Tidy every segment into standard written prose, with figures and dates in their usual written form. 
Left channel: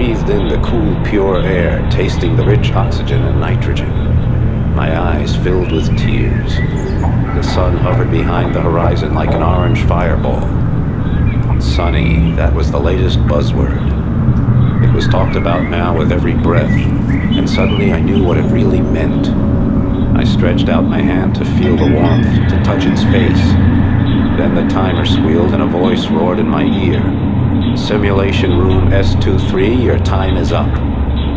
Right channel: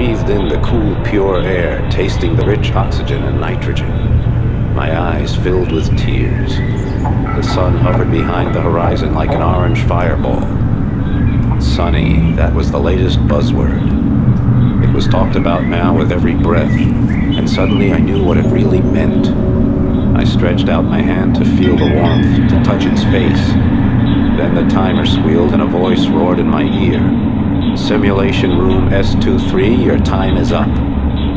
breathed in the cool, pure air, tasting the rich oxygen and nitrogen. My eyes filled with tears. The sun hovered behind the horizon like an orange fireball. Sunny, that was the latest buzzword. It was talked about now with every breath, and suddenly I knew what it really meant. I stretched out my hand to feel the warmth, to touch its face. Then the timer squealed and a voice roared in my ear. Simulation room S23, your time is up.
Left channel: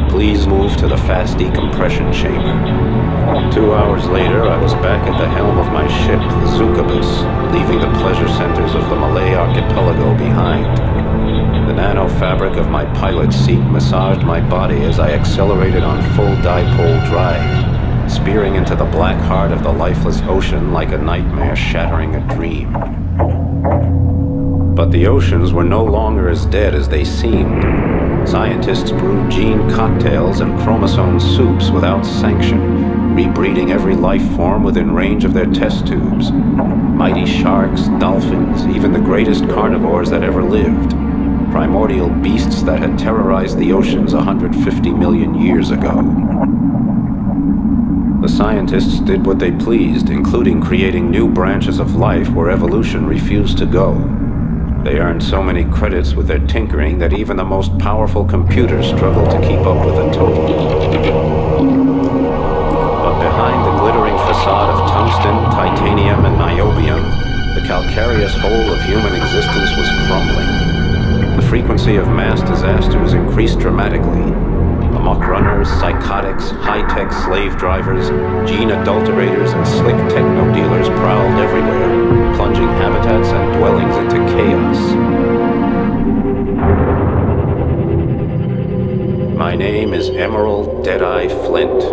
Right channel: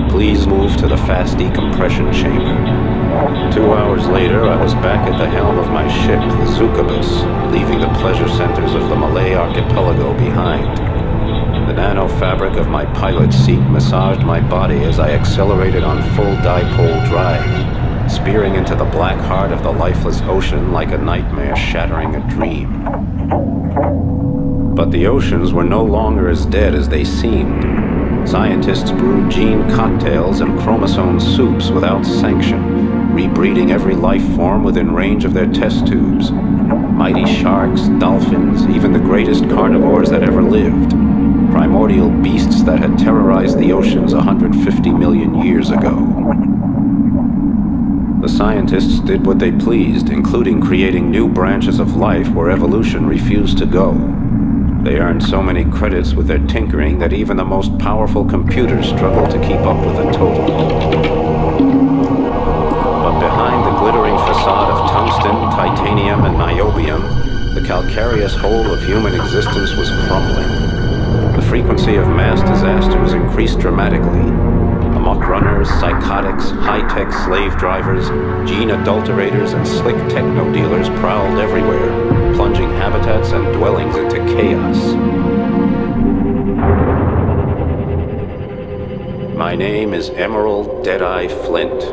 Please move to the fast decompression chamber. 2 hours later, I was back at the helm of my ship, the Zukabus, leaving the pleasure centers of the Malay archipelago behind. The nano-fabric of my pilot's seat massaged my body as I accelerated on full dipole drive, spearing into the black heart of the lifeless ocean like a nightmare shattering a dream. But the oceans were no longer as dead as they seemed. Scientists brewed gene cocktails and chromosome soups without sanction, rebreeding every life form within range of their test tubes. Mighty sharks, dolphins, even the greatest carnivores that ever lived. Primordial beasts that had terrorized the oceans 150 million years ago. The scientists did what they pleased, including creating new branches of life where evolution refused to go. They earned so many credits with their tinkering that even the most powerful computers struggled to keep up with the total. But behind the glittering facade of tungsten, titanium, and niobium, the calcareous whole of human existence was crumbling. The frequency of mass disasters increased dramatically. Amok runners, psychotics, high-tech slave drivers, gene adulterators, and slick techno dealers prowled everywhere, plunging habitats and dwellings into chaos. My name is Emerald Deadeye Flint.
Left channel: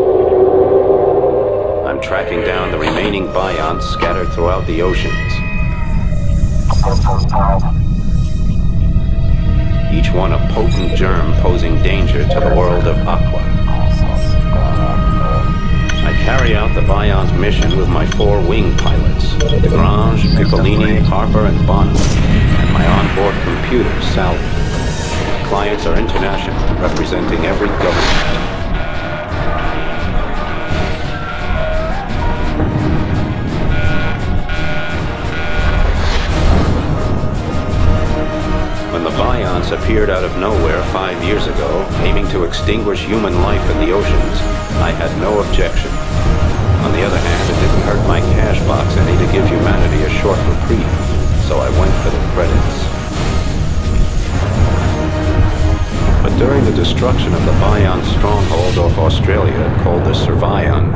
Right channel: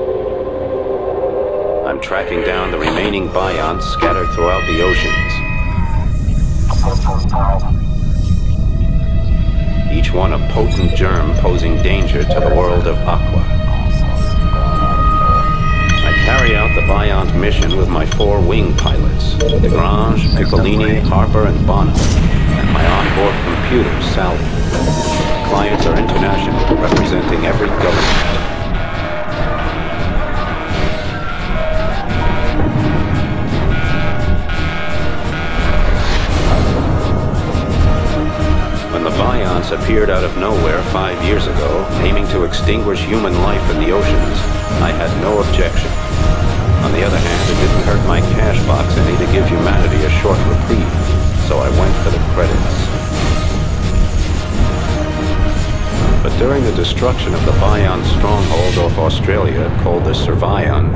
I'm tracking down the remaining bions scattered throughout the oceans. Each one a potent germ posing danger to the world of Aqua. I carry out the Biont mission with my 4 wing pilots, Desgrange, Piccolini, Harper, and Bonham, and my onboard computer, Sally. My clients are international, representing every government. When the Bions appeared out of nowhere 5 years ago, aiming to extinguish human life in the oceans, I had no objection. On the other hand, it didn't hurt my cash box any to give humanity a short reprieve, so I went for the credits. But during the destruction of the Bion stronghold off Australia, called the Survion,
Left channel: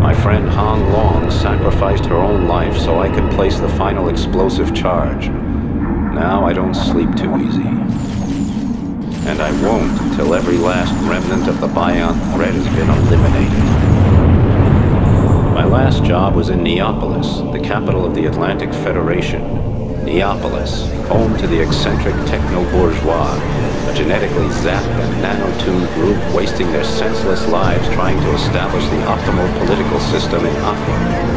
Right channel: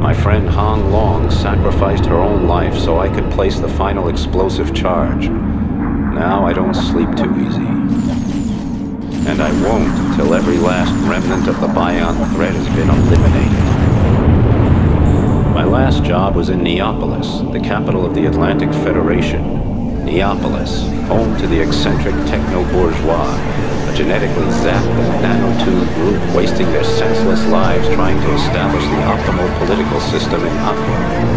my friend Hong Long sacrificed her own life so I could place the final explosive charge. Now I don't sleep too easy. And I won't until every last remnant of the Bion threat has been eliminated. My last job was in Neapolis, the capital of the Atlantic Federation. Neapolis, home to the eccentric techno-bourgeois, a genetically zapped and nano-tuned group wasting their senseless lives trying to establish the optimal political system in Aqua.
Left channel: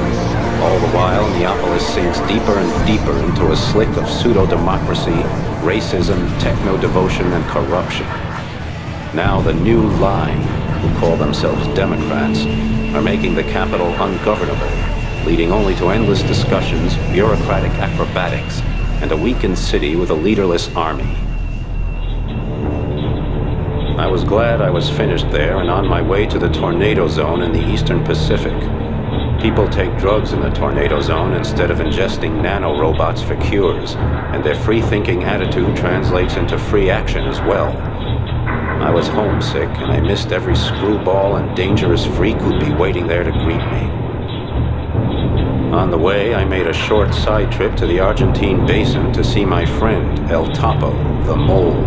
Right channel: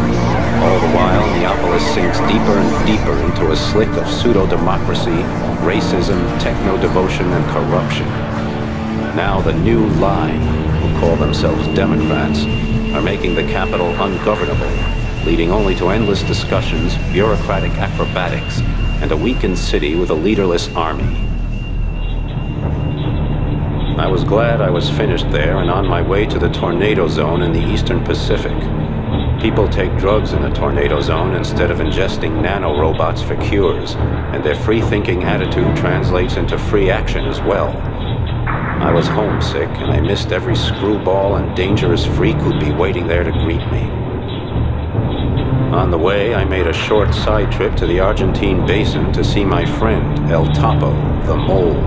All the while, Neapolis sinks deeper and deeper into a slick of pseudo-democracy, racism, techno-devotion, and corruption. Now the new lie, who call themselves Democrats, are making the capital ungovernable, leading only to endless discussions, bureaucratic acrobatics, and a weakened city with a leaderless army. I was glad I was finished there and on my way to the tornado zone in the Eastern Pacific. People take drugs in the tornado zone instead of ingesting nanorobots for cures, and their free-thinking attitude translates into free action as well. I was homesick, and I missed every screwball and dangerous freak who'd be waiting there to greet me. On the way, I made a short side trip to the Argentine basin to see my friend, El Topo, the Mole.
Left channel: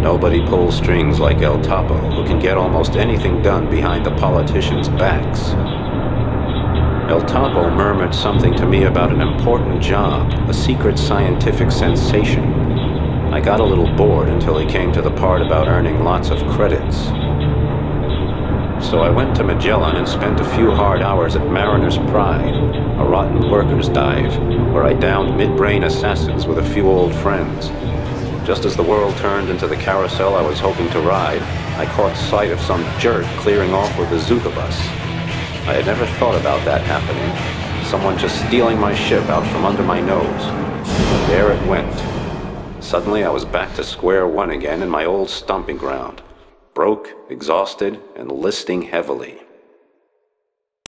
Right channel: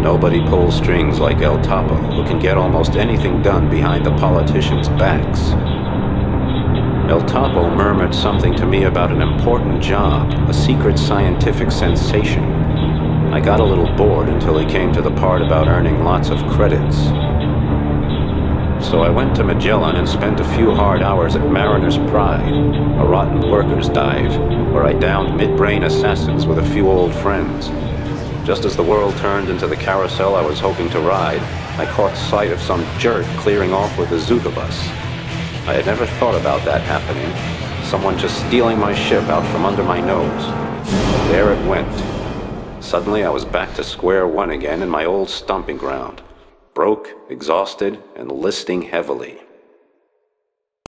Nobody pulls strings like El Topo, who can get almost anything done behind the politicians' backs. El Topo murmured something to me about an important job, a secret scientific sensation. I got a little bored until he came to the part about earning lots of credits. So I went to Magellan and spent a few hard hours at Mariner's Pride, a rotten workers' dive, where I downed mid-brain assassins with a few old friends. Just as the world turned into the carousel I was hoping to ride, I caught sight of some jerk clearing off with the Zuka bus. I had never thought about that happening. Someone just stealing my ship out from under my nose. But there it went. Suddenly I was back to square one again in my old stomping ground. Broke, exhausted, and listing heavily.